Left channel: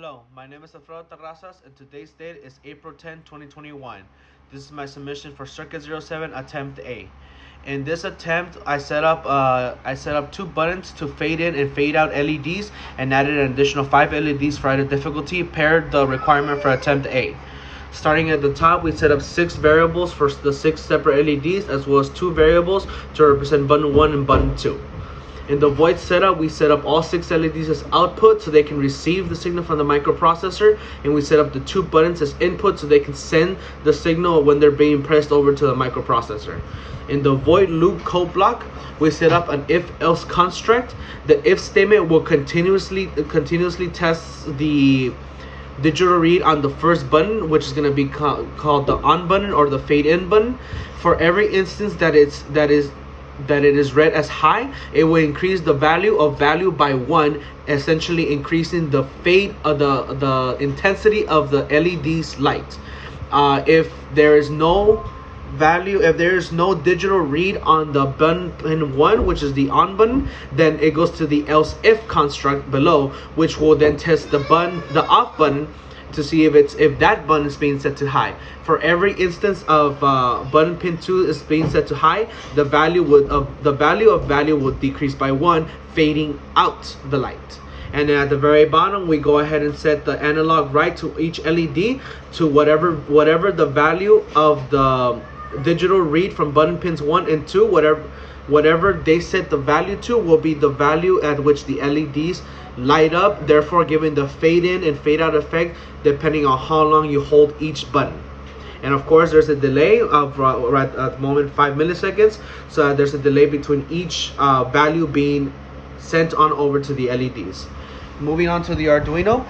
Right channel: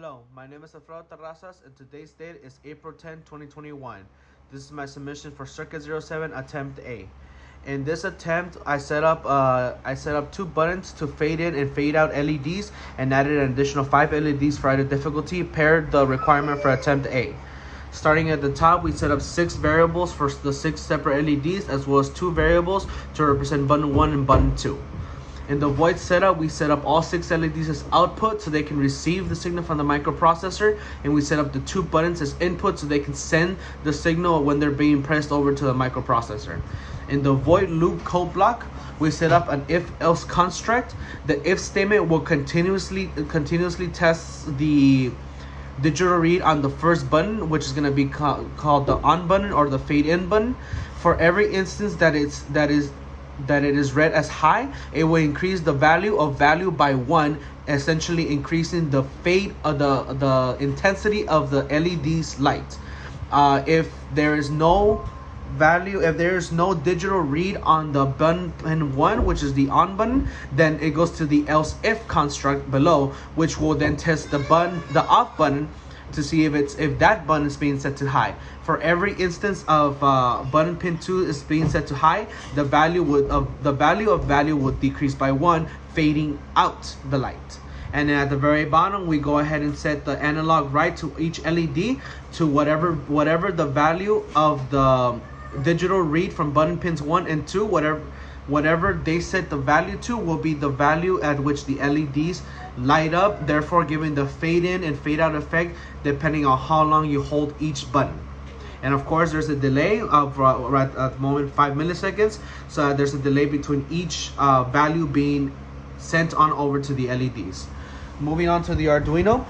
Hello, my name is Alfredo Terrazas and today's date is April 10, 2021. This is my submission for CIRC07 Attempt A. In this attempt, I set up two buttons to fade in and fade out LEDs and added an additional 5 LEDs for added difficulty, paired the requirement for Attempt A. Starting at the top, we set up 6 variables for the 6 separate LEDs, as well as 2 variables to represent button 1 and button 2. In the void setup, we set up all 6 LEDs as output so they can receive the signal from the microprocessor, and we set up the 2 buttons as input so they can send the signal when they're being pressed over to the microprocessor. In the void loop code block, we set up an if-else construct. The if statement will continuously test the digital read on the first button, which is going to be called the on button or the fade in button. For every instance that it is read as high, it will increase the value by 1, essentially increasing the fade of the intensity of the LED's light. If there is no digital read on the button 1, which is the on button, then it goes to the else if construct below, which will then test the off button to see if that button is being set to high. For every instance of button pin 2 is being set to high, the value would decrease by 1, fading out the light. And then at the very bottom, we go ahead and set the analog right to each LED to whatever the value of the digital read from button pins 1 and 2, whatever they set the value to will be the value at which the LEDs light up, therefore giving the fade in and fade out effect depending on how long you hold each button. And of course, there's a delay of right at the moment 5 milliseconds, so there's a delay between each value being sent on over to the LEDs. Moving on to the Arduino,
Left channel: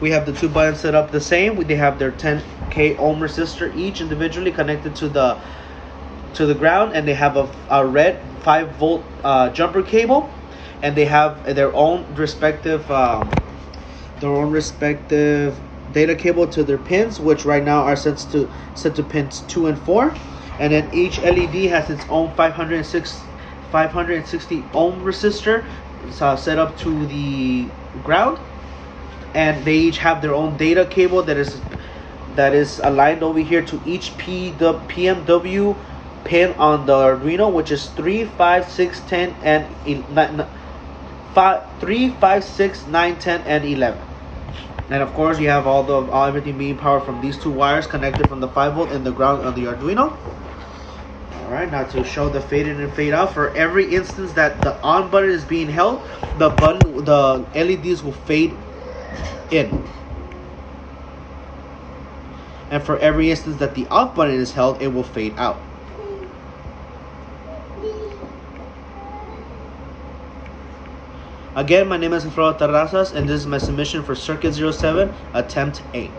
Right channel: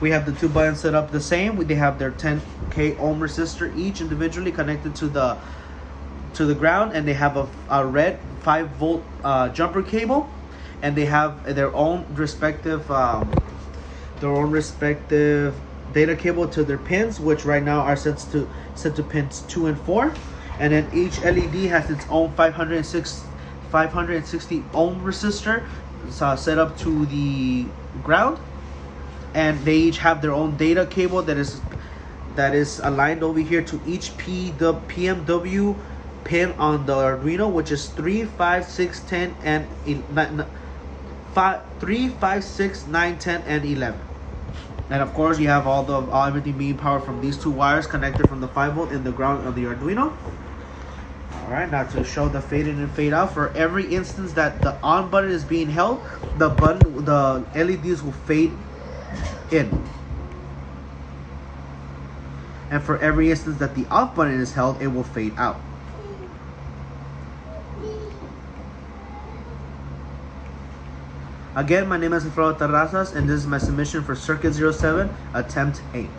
we have the 2 buttons set up the same. They have their 10k ohm resistor each individually connected to the ground, and they have a red 5-volt jumper cable, and they have their own respective data cable to their pins, which right now are set to pins 2 and 4. And then each LED has its own 560 ohm resistor set up to the ground, and they each have their own data cable that is aligned over here to each PMW pin on the Arduino, which is 3, 5, 6, 10, and 3, 5, 6, 9, 10, and 11. And of course, you have everything being powered from these 2 wires connected from the 5-volt and the ground of the Arduino. Alright, now to show the fade in and fade out, for every instance that the on button is being held, the LEDs will fade in. And for every instance that the off button is held, it will fade out. Again, my name is Alfredo Terrazas, and this is my submission for CIRC07 Attempt A.